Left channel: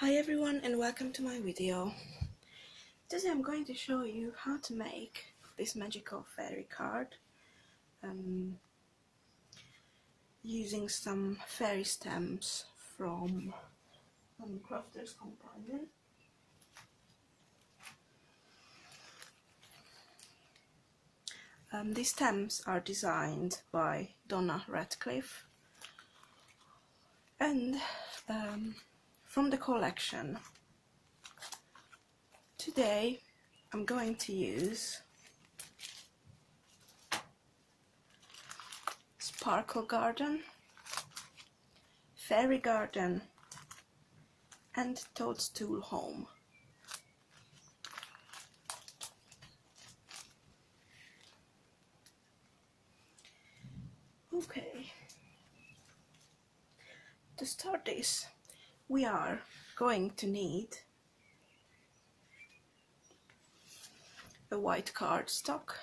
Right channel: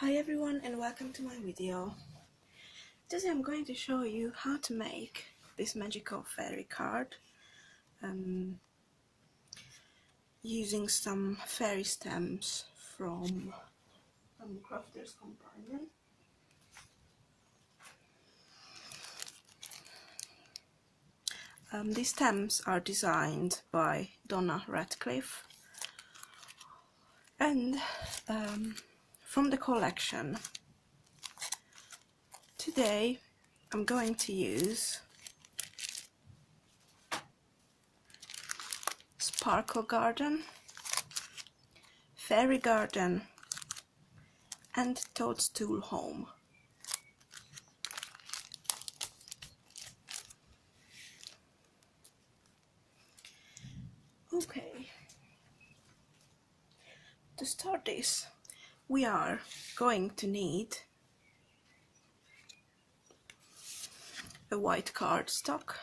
Hi everyone and welcome to my video. Today I'm going to show you how to make this magical fairy card using some fairy stamps from Crafters Companion. These stamps are designed by Donna Ratcliff and from the collection. Today I'm going to use Sparkle Garden, Fairy Garden and Toadstool Home. Okay, to start this we are going to need a white cardstock,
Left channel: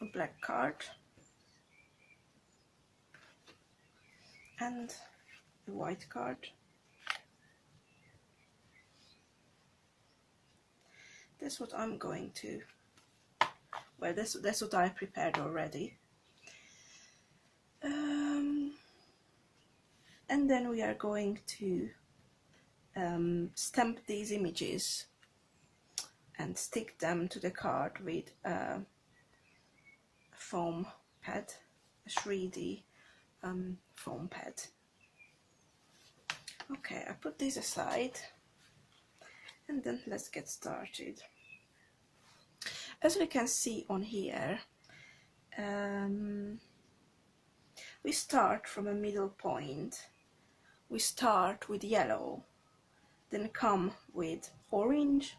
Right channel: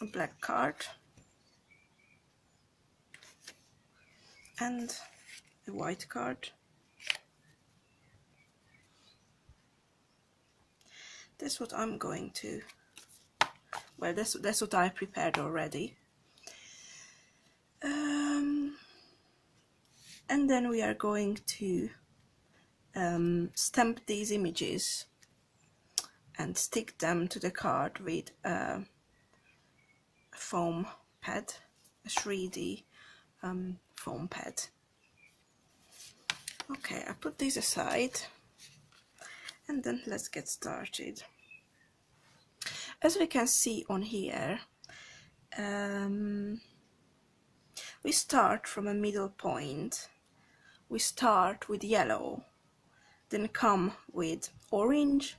a black card and a white card. That's what I'm going to, well, that's what I prepared already. And then we are going to stamp these images and stick them to the card with a foam pad, a 3D foam pad. Okay, I put these aside and then let's get started. As we can see on here, we start from a middle point. We start with yellow, then come with orange,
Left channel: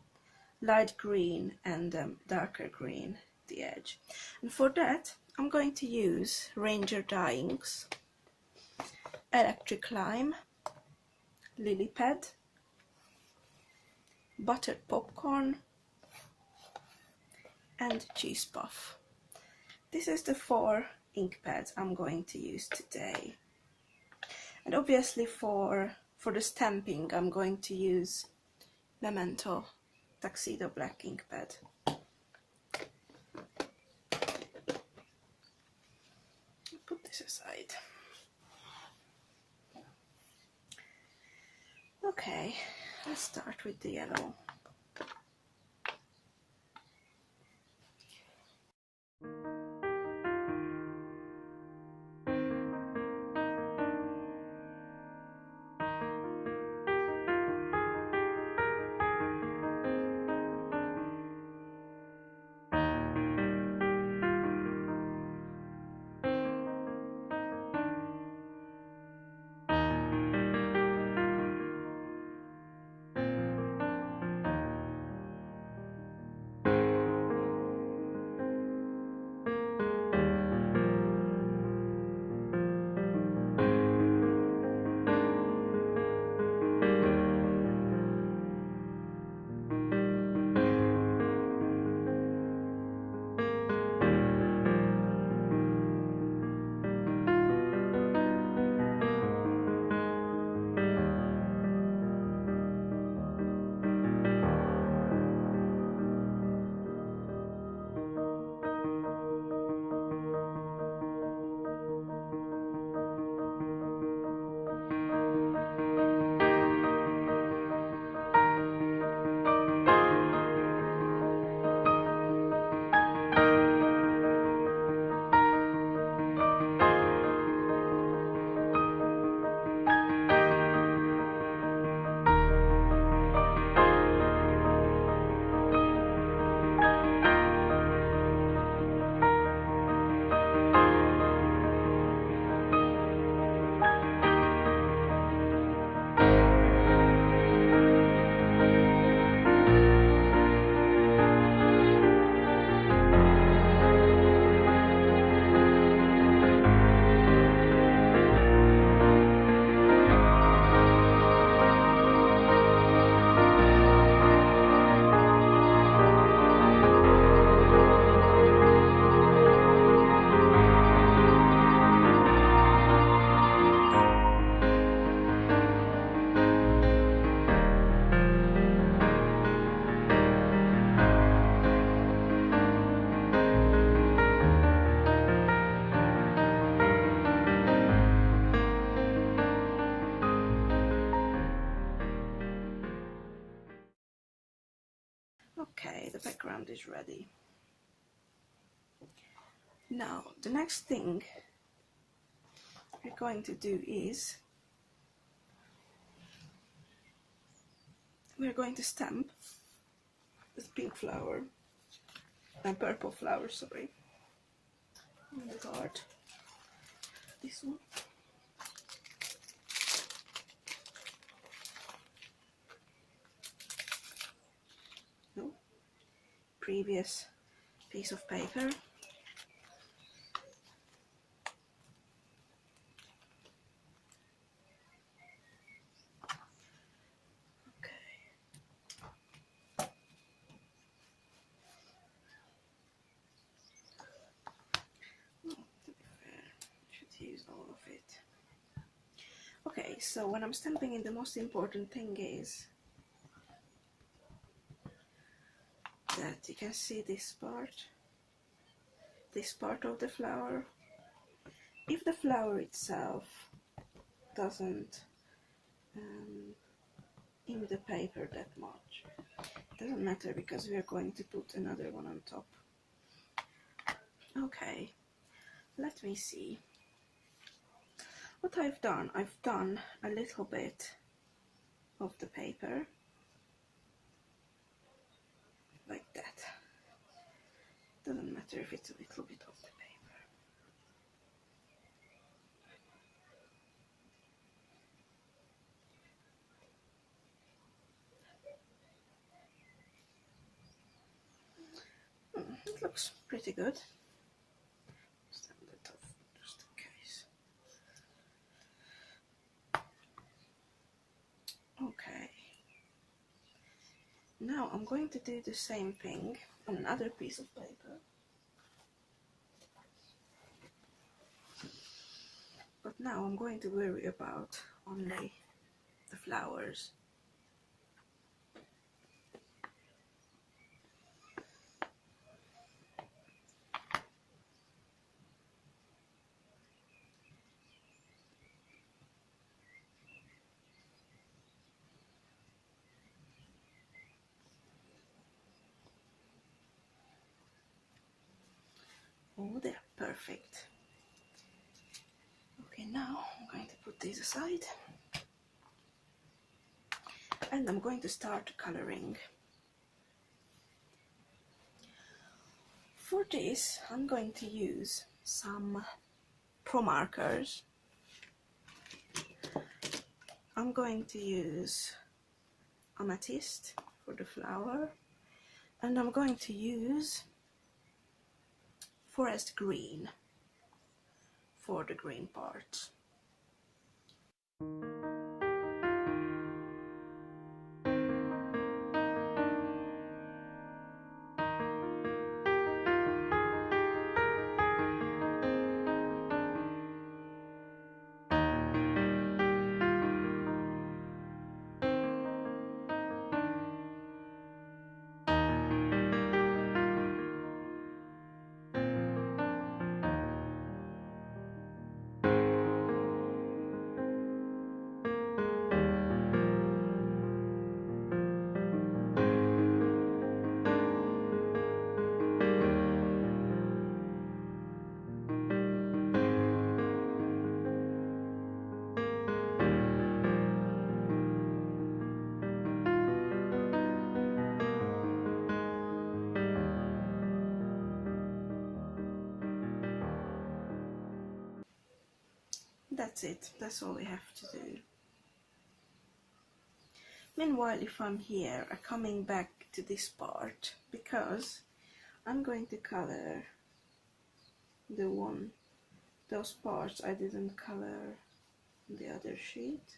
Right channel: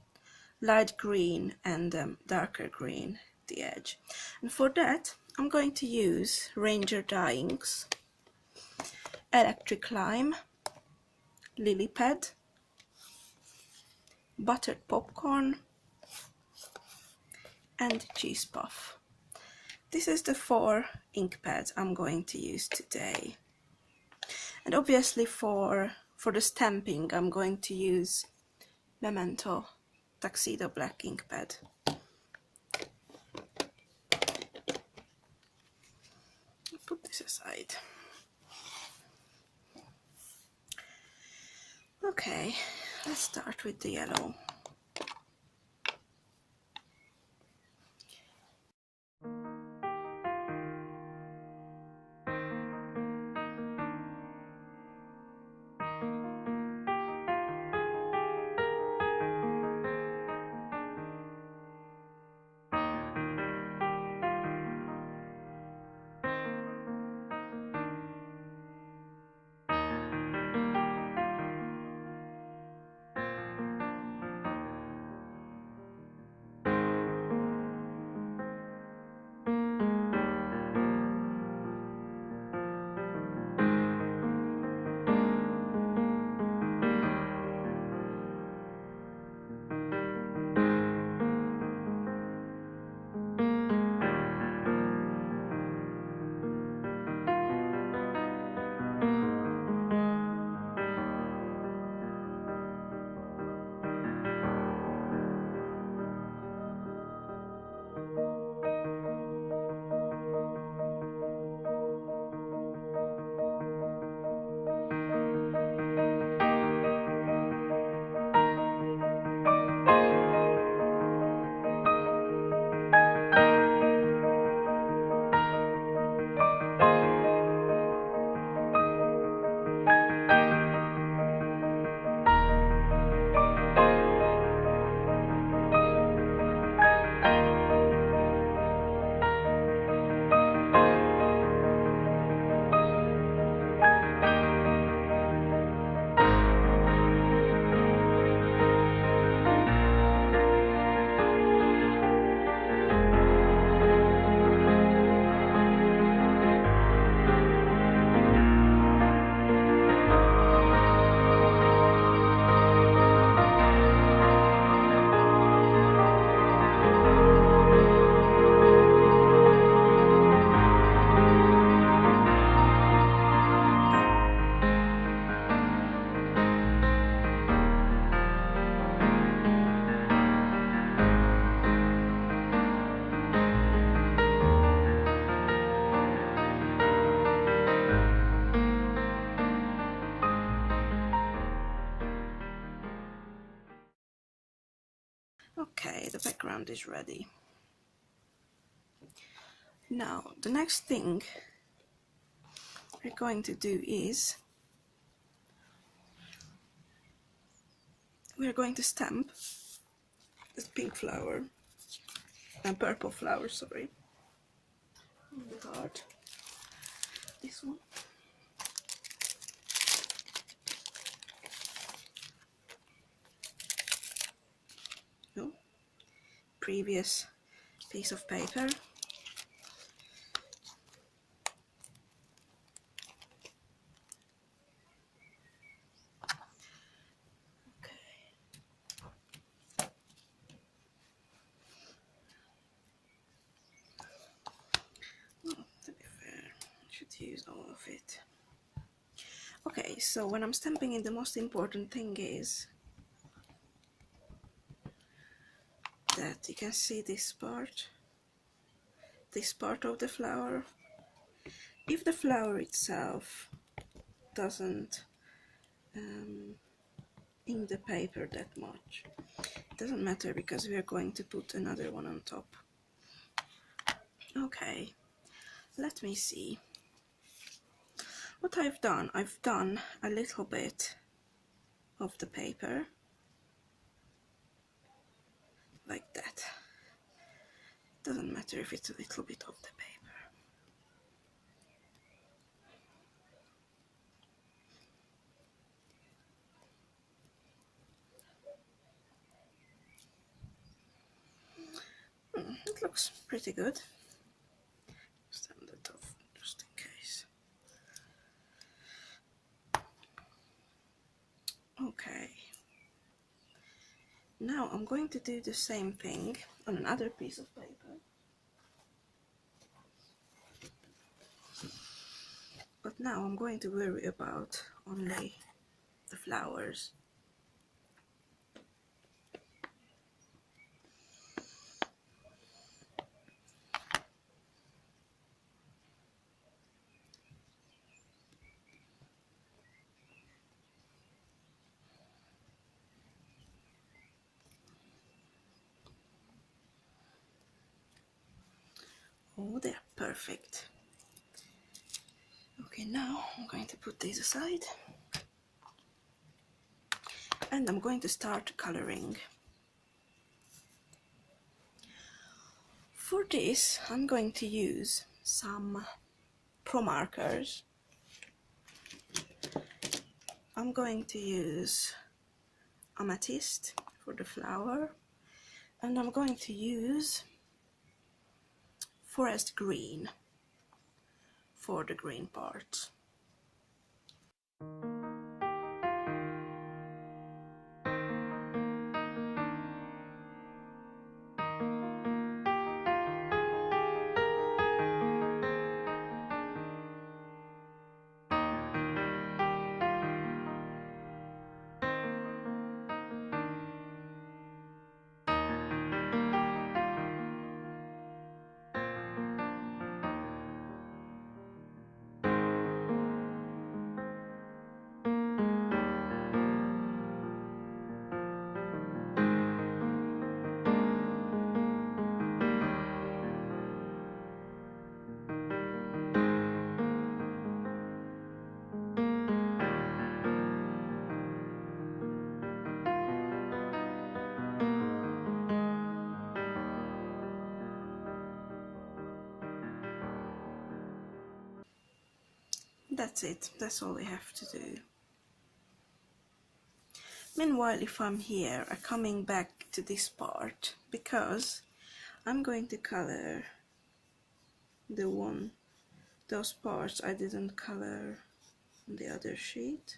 light green and darker green the edge. And for that I'm going to use Ranger dye inks, electric lime, lily pad, buttered popcorn and cheese puff. This is the 4 ink pads I'm going to use today. And obviously for the stamping I'm going to use Memento Tuxedo Black ink pad. Put this aside. Okay, let's start with the yellow. Okay, the background is ready. Now, the next thing we're going to do is we're going to stamp this pink flower and purple flower, sorry, on the card. This one. No, previous piece of paper. Use all of it. Okay, so when I'm stamping it, the most important thing is that you can see this part of the flower. If the flower itself doesn't ink the paper that much, it doesn't matter because we are going to put another one on top. Okay, let me see. What I've done a little bit of the paper, like that. Doesn't matter if it's a little bit of the paper. It looks pretty good. Stand it off just in case. Okay. Now I'm going to do the same thing on another piece of paper. But now I'm going to worry about only the flowers. Oh, they're perfect. Okay, now I'm going to put these aside. And I'm going to start coloring. For this, I'm going to use some Pro markers. I'm going to use amethyst for the flower, and I'm going to use forest green for the green part. That's it, that's all we have to do. Meanwhile, if I'm here, I'm coming back to this part because I'm going to color those parts I didn't color on the other sheet.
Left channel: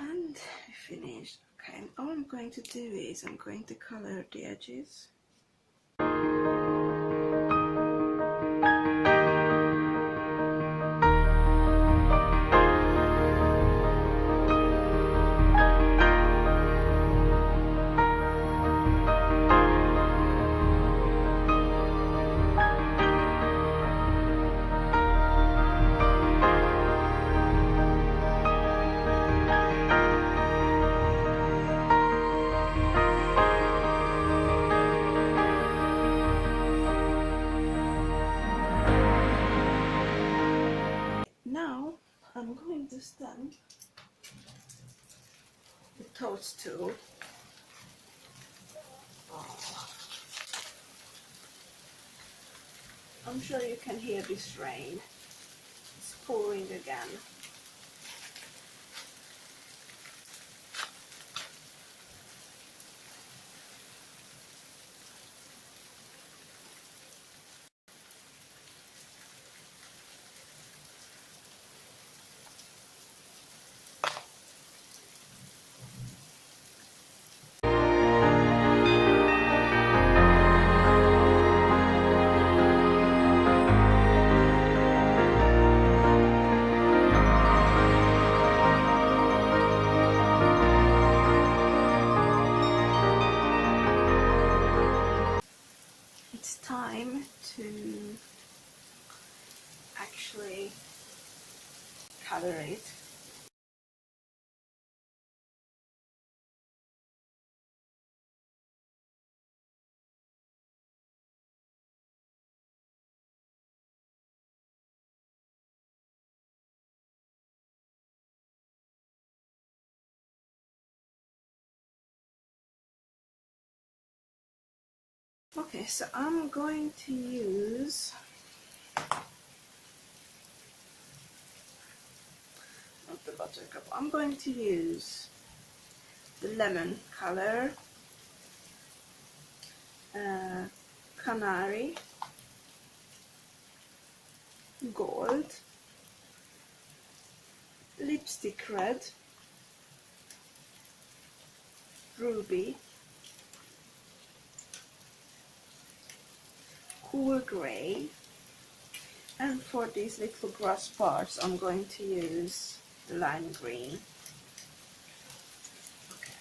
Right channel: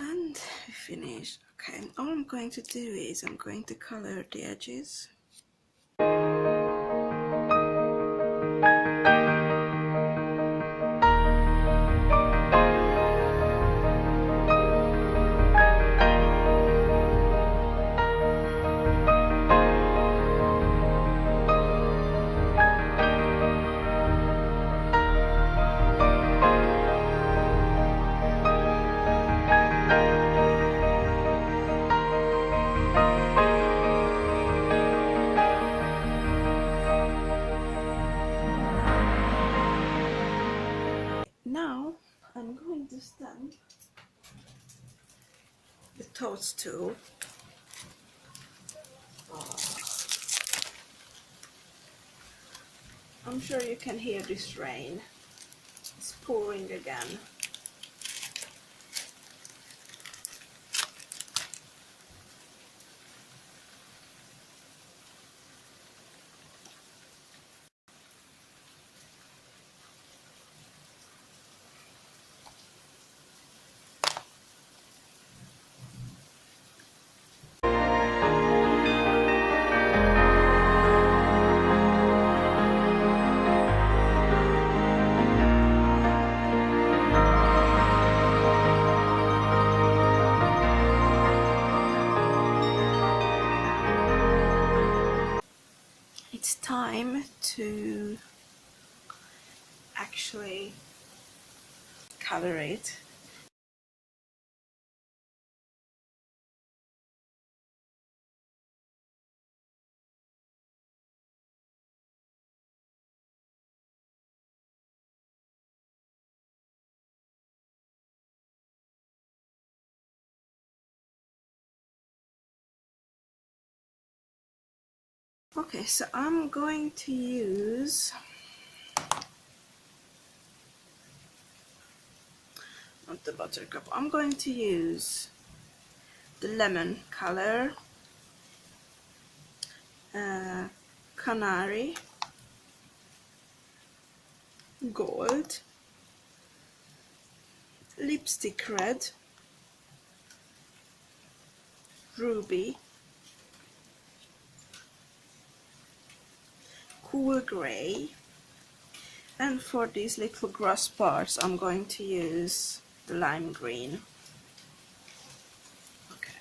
And we finished. Okay, all I'm going to do is I'm going to color the edges. Now I'm going to stamp the toadstool. I'm sure you can hear this rain. It's pouring again. It's time to actually color it. Okay, so I'm going to use not the buttercup. I'm going to use the lemon color, canary, gold, lipstick red, ruby, cool grey, and for these little grass parts I'm going to use lime green. Okay.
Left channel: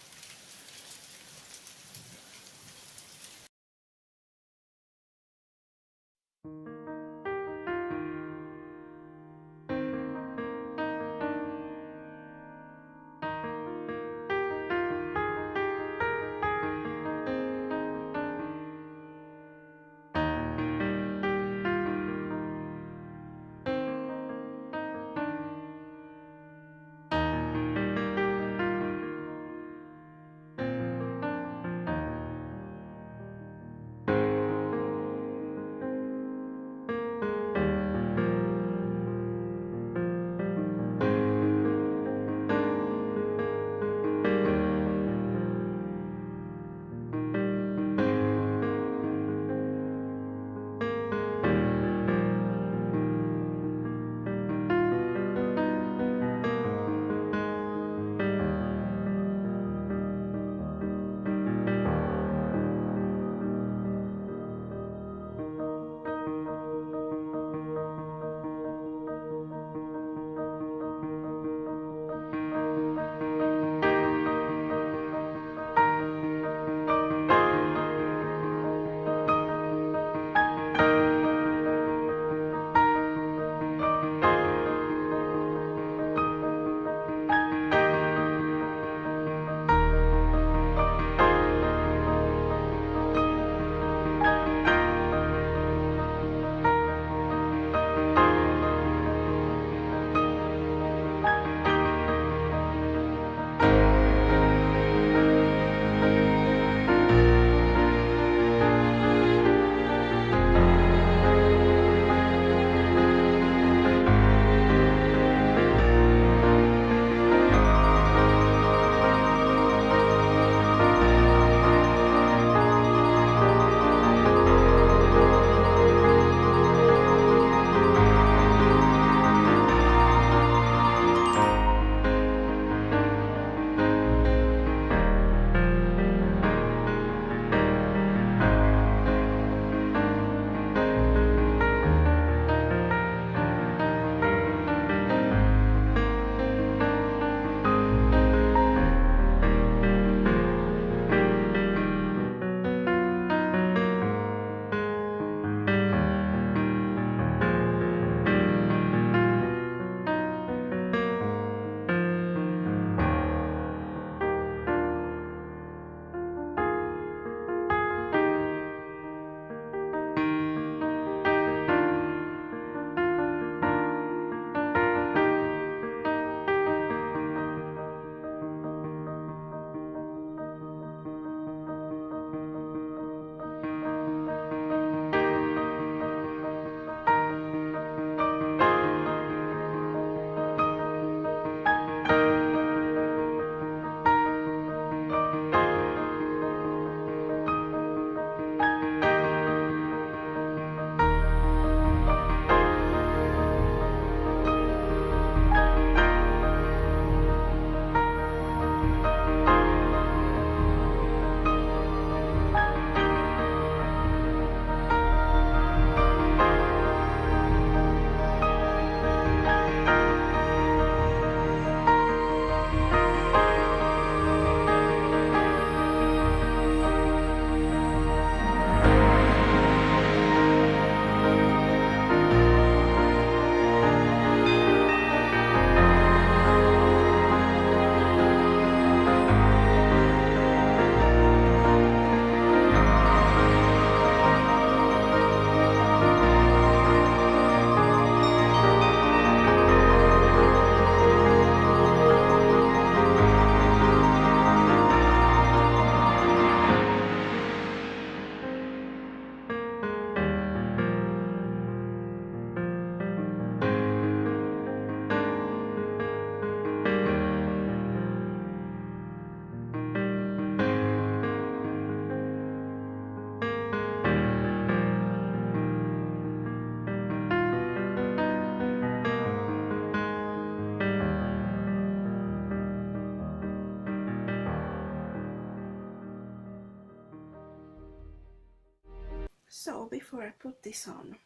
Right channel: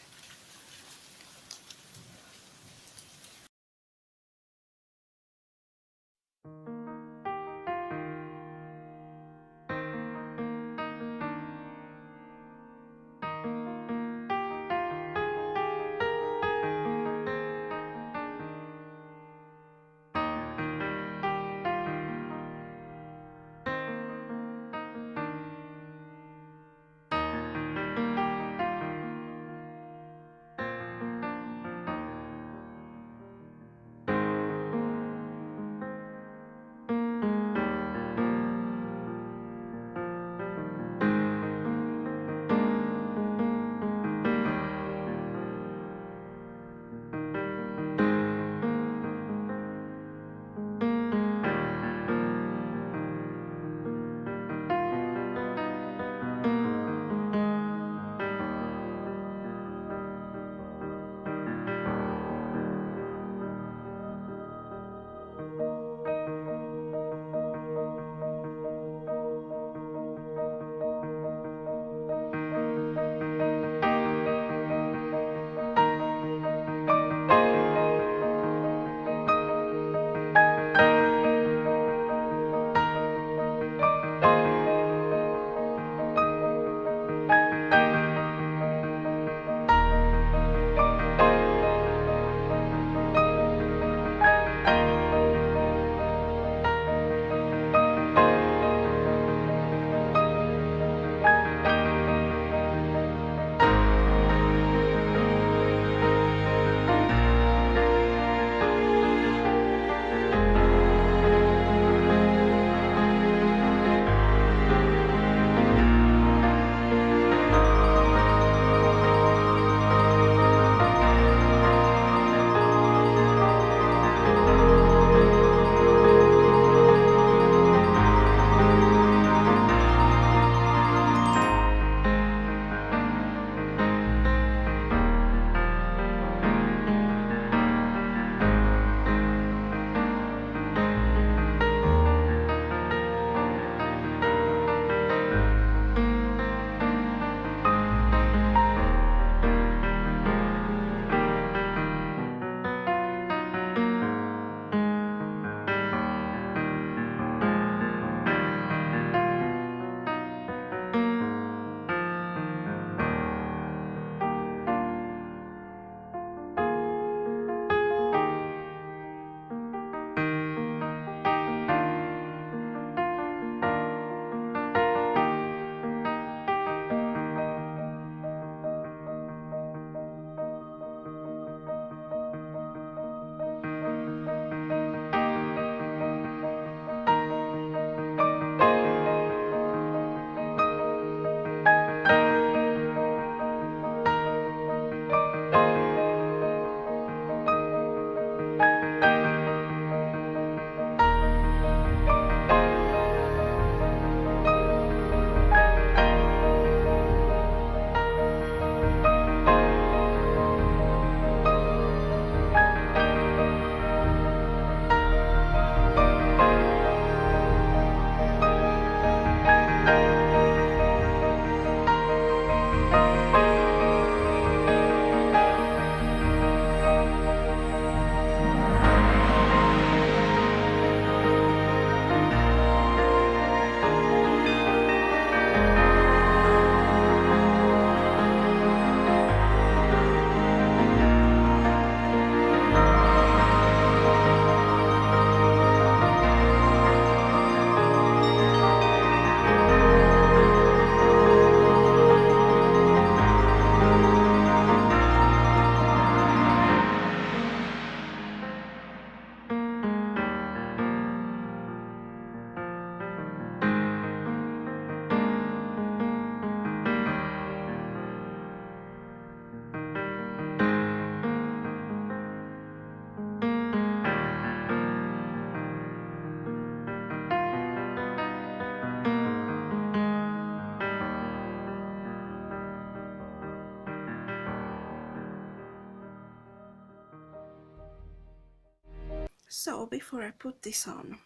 So before I put this on,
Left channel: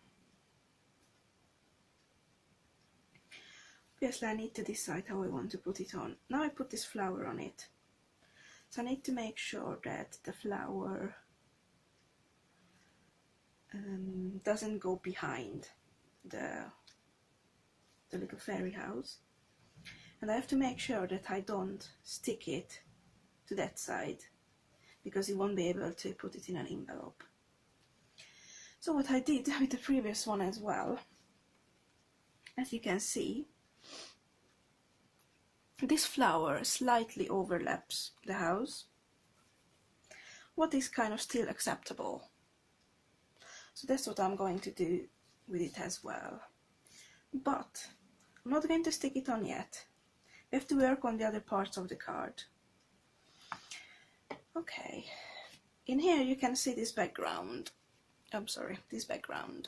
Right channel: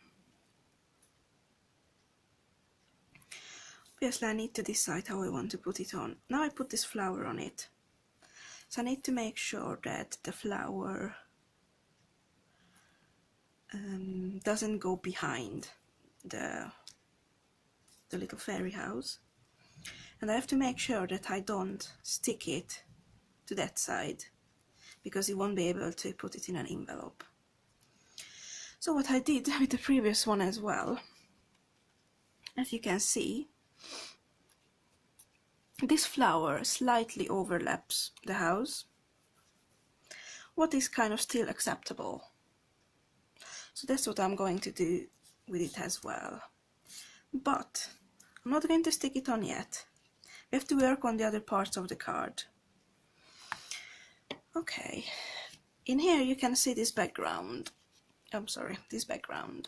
obviously I need to decide how I want to put it on. Now I put this flower on it, so I need to make sure that the flower doesn't go behind the little fairy house, and I have to make sure that I don't stick it to that side, because you won't be able to put it in an envelope. So what I did with the previous one as well, as you can see, this flower slightly overlaps the house, what is kind of still acceptable. So that's what I'm going to do with it as well. But I'm not going to stick it on yet. We have to work on the other parts of the card. Okay, in here you can see this background. I'm sorry, this background.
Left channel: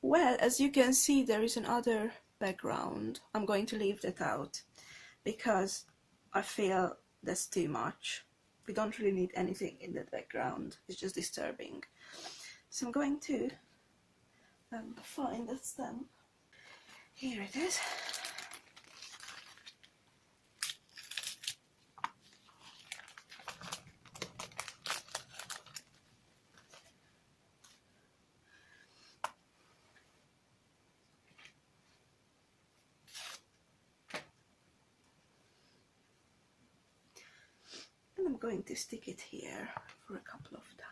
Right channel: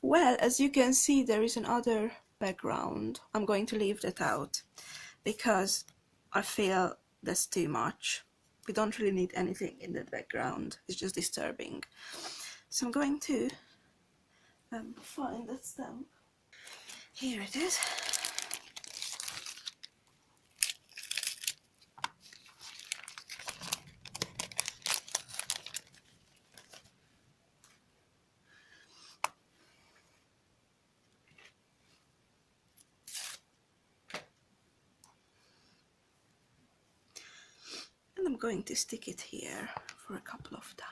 Well, as you can see, there is another background. I'm going to leave that out because I feel that's too much. We don't really need anything in that background, it's just disturbing. So I'm going to find that stamp. Here it is. And I'm going to stick it here for a couple of times.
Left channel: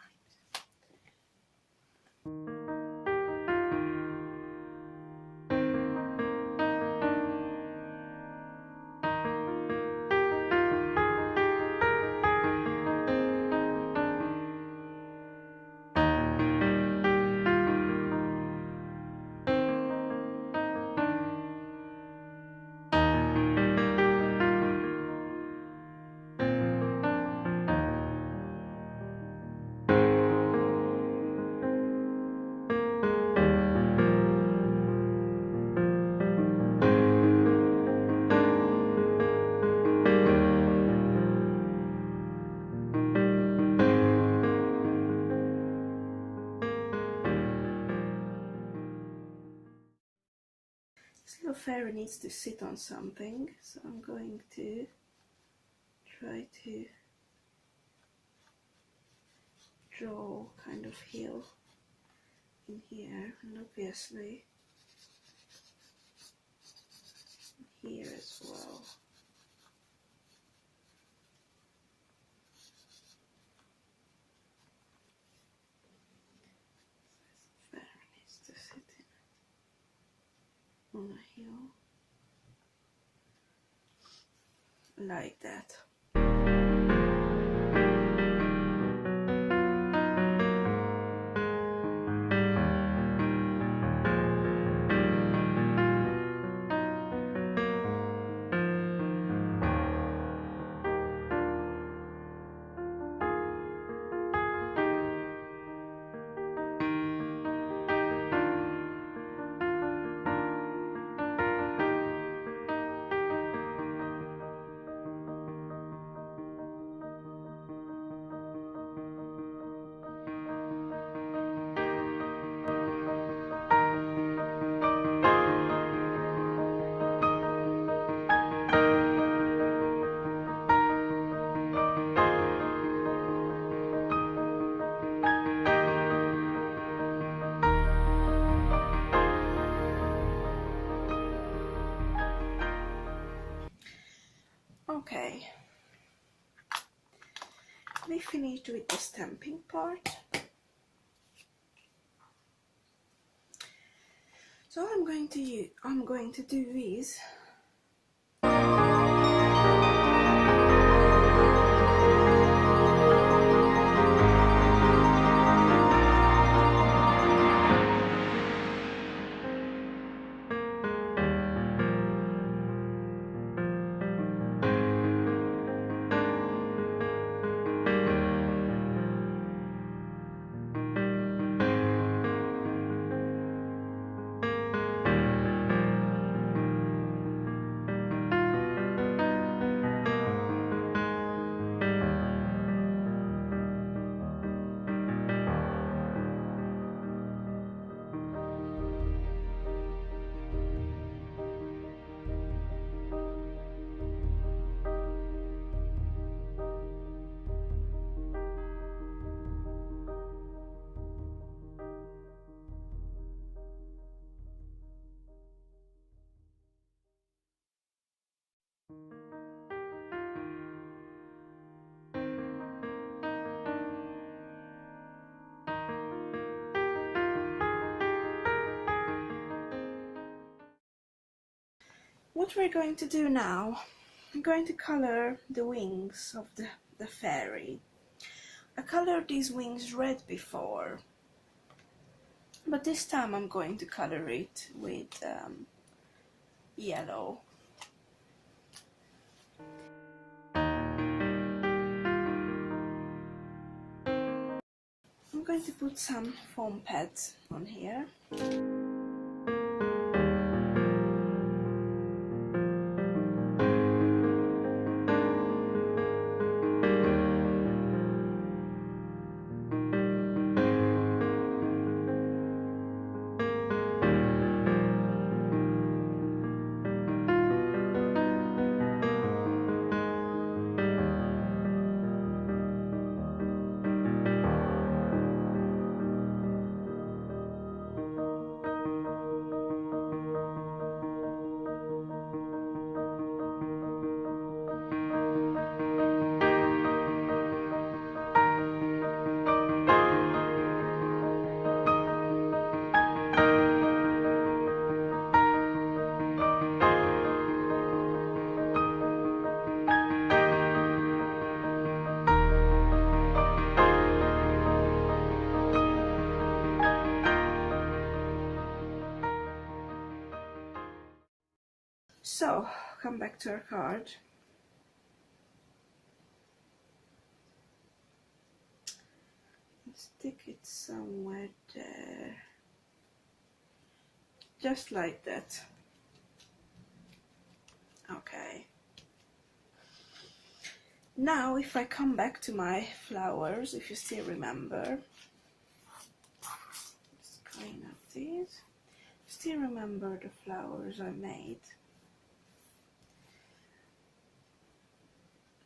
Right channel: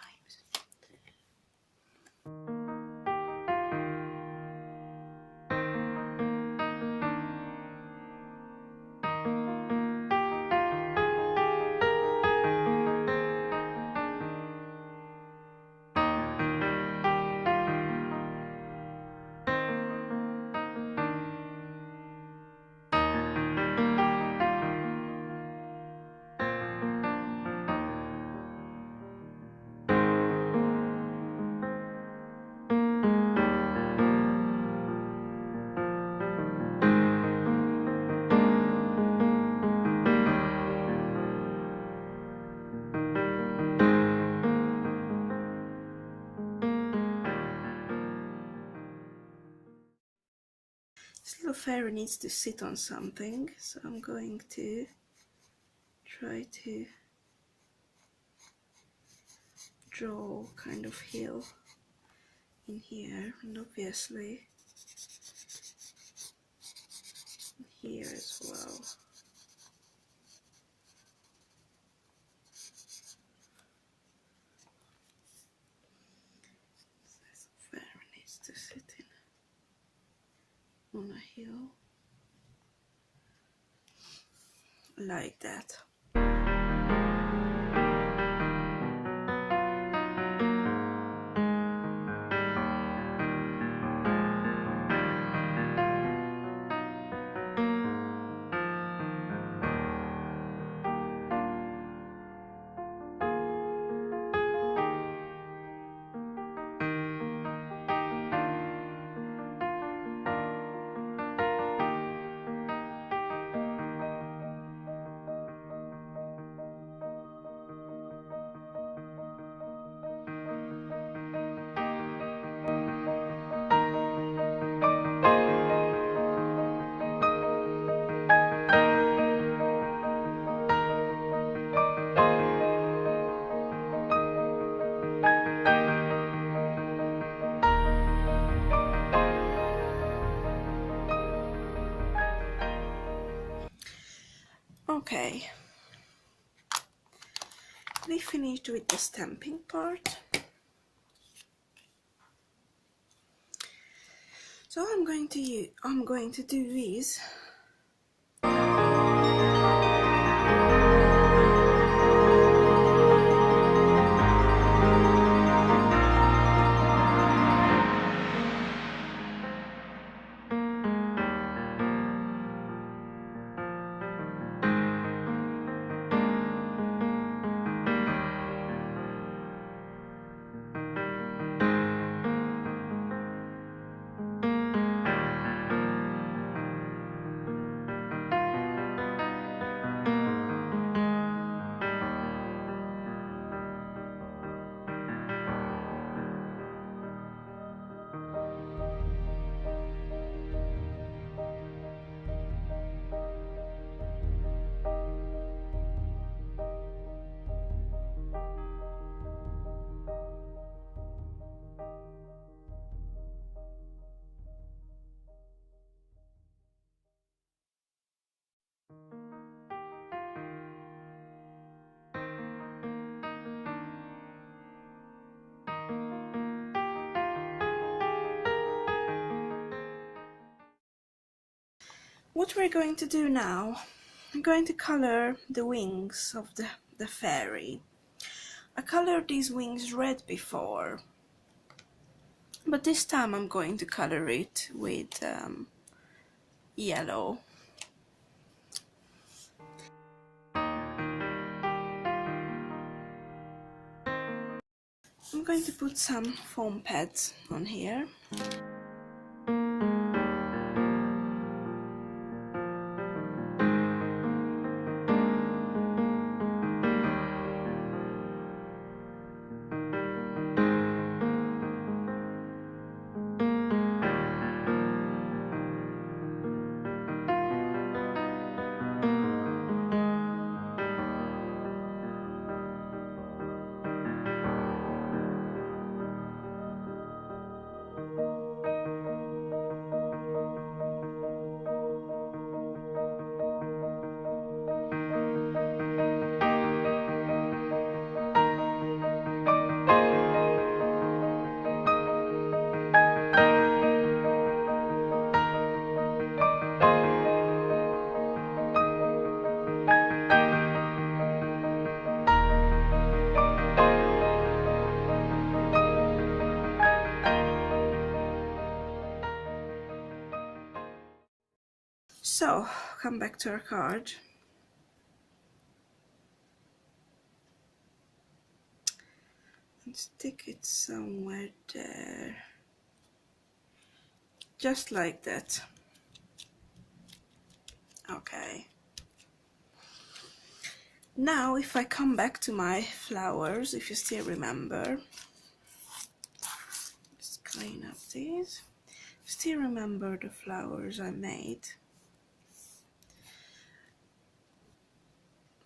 This little fairy needs to sit on something, so I'm going to try to draw kind of hill in here, and obviously here as well. This fairy needs to sit on a hill like that. Okay, we finished with the stamping part. So I'm going to do is What we're going to do now, I'm going to color the wings of the fairy. I colored these wings red before, but this time I'm going to color it with yellow. I'm going to put some foam pads on here. So, come back to our card. And stick it somewhere there. Just like that. Okay. Now, if I come back to my flowers, if you still remember, just clean up these. Still remember the flowers I made.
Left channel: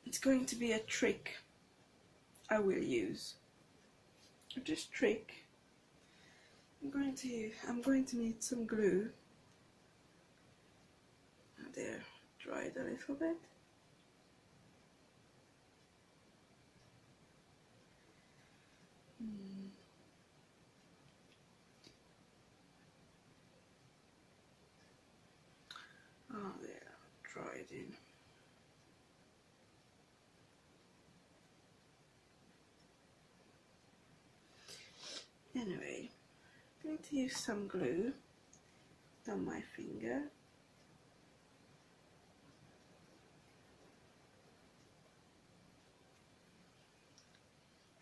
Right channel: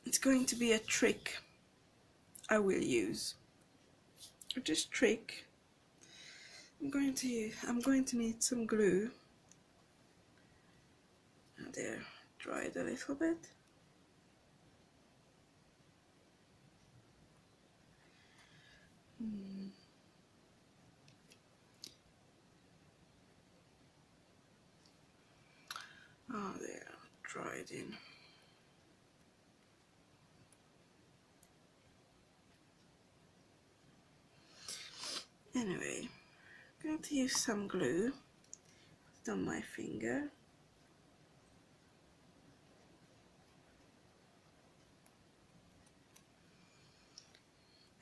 It's going to be a trick I will use. For this trick, I'm going to need some glue. Now they're dried a little bit. Oh, they're dried in. Anyway, I'm going to use some glue on my finger.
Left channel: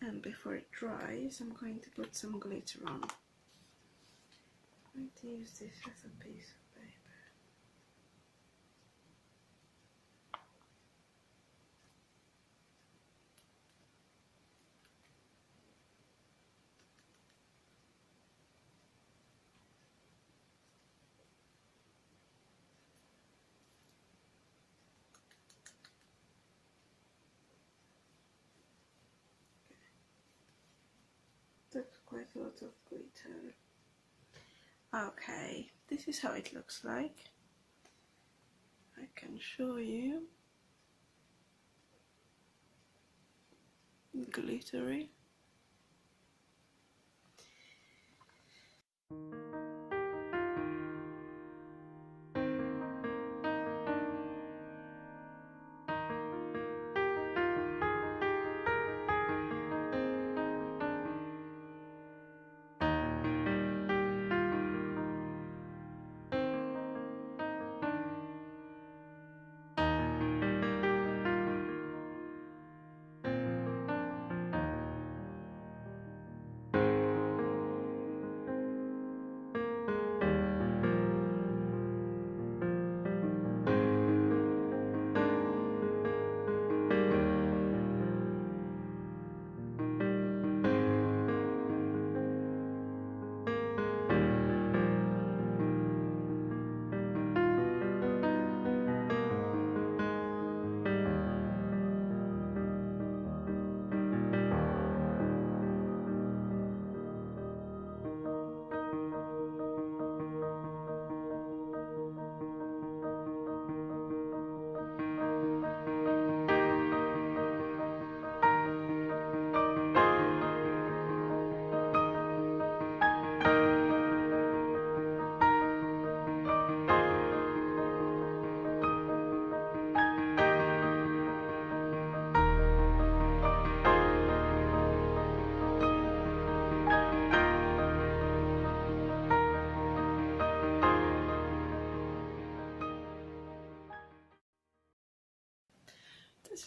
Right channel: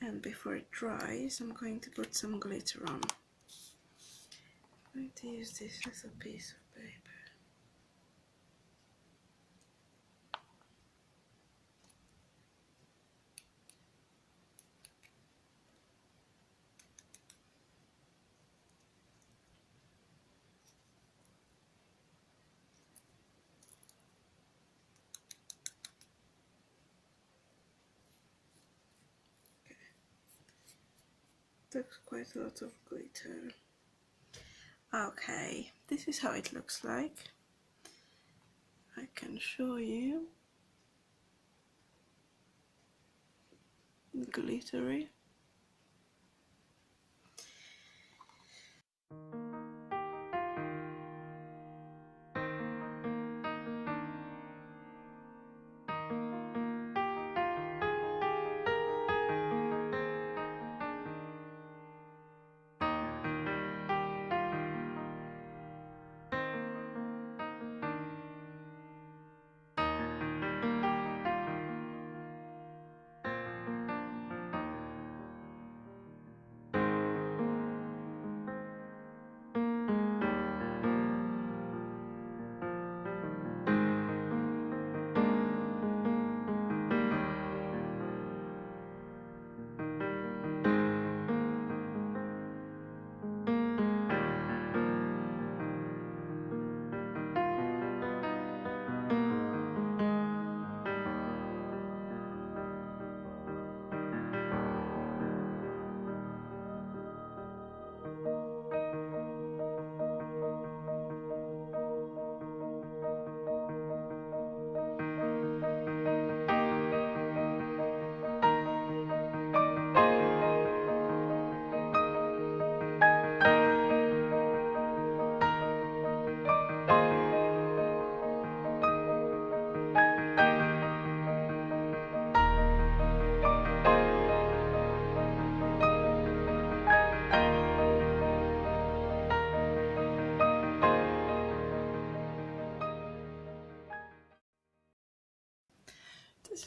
And before it dries, I'm going to put some glitter on. I'm going to use this as a piece of paper. Looks quite a lot of glitter. Okay, this is how it looks like. I can show you. Glittery.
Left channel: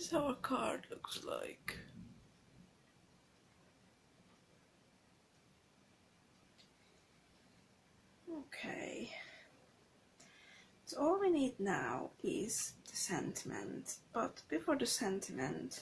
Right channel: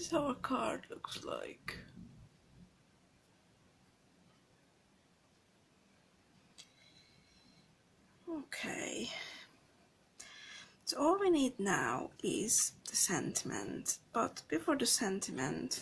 is how a card looks like. Okay, so all we need now is the sentiment, but before the sentiment,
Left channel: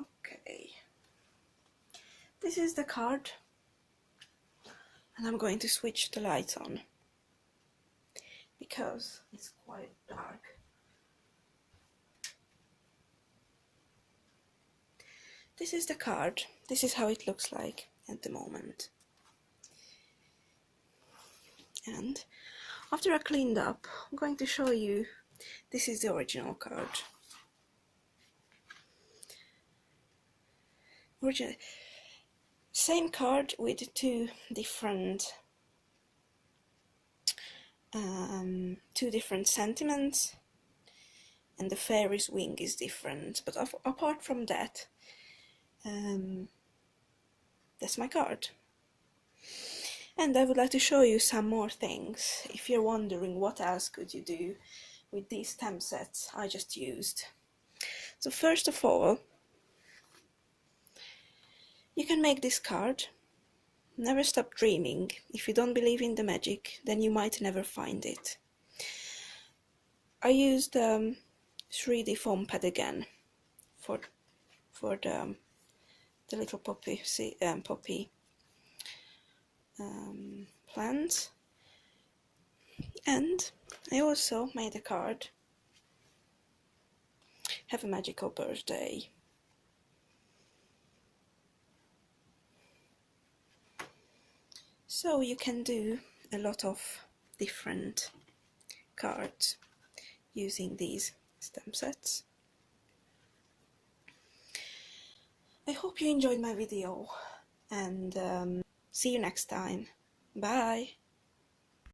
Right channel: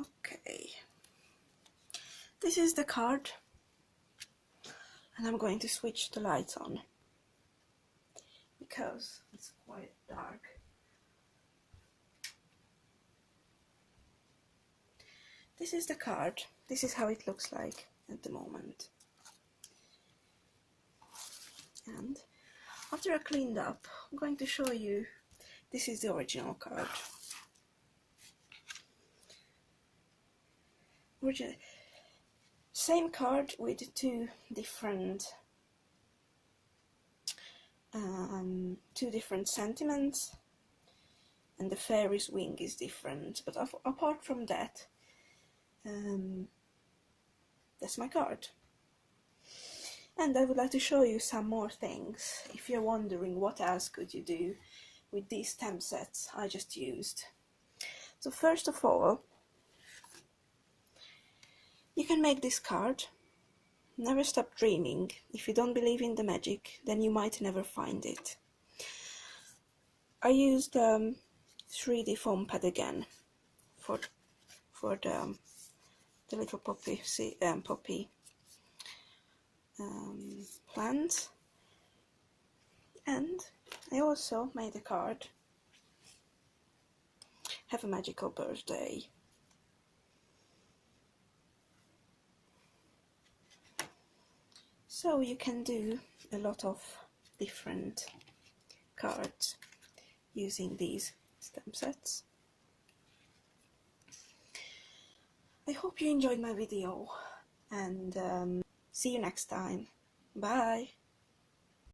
okay, this is the card, and I'm going to switch the lights on because it's quite dark. This is the card. This is how it looks like at the moment. And after I cleaned up, I'm going to show you, this is the original card. Same card with two different sentiments, and the fairy's wing is different, but apart from that, that's my card. And I would like to show you some more things, if you're wondering what else could you do with these stamp sets I just used. So first of all, you can make this card. Never stop dreaming. If you don't believe in the magic, then you might never find it. I used 3D foam pad again for the little poppy plants, and I also made a card. Have a magical birthday. So you can do a lot of different cards. using these stem sets. I hope you enjoyed my video, and see you next time. Bye!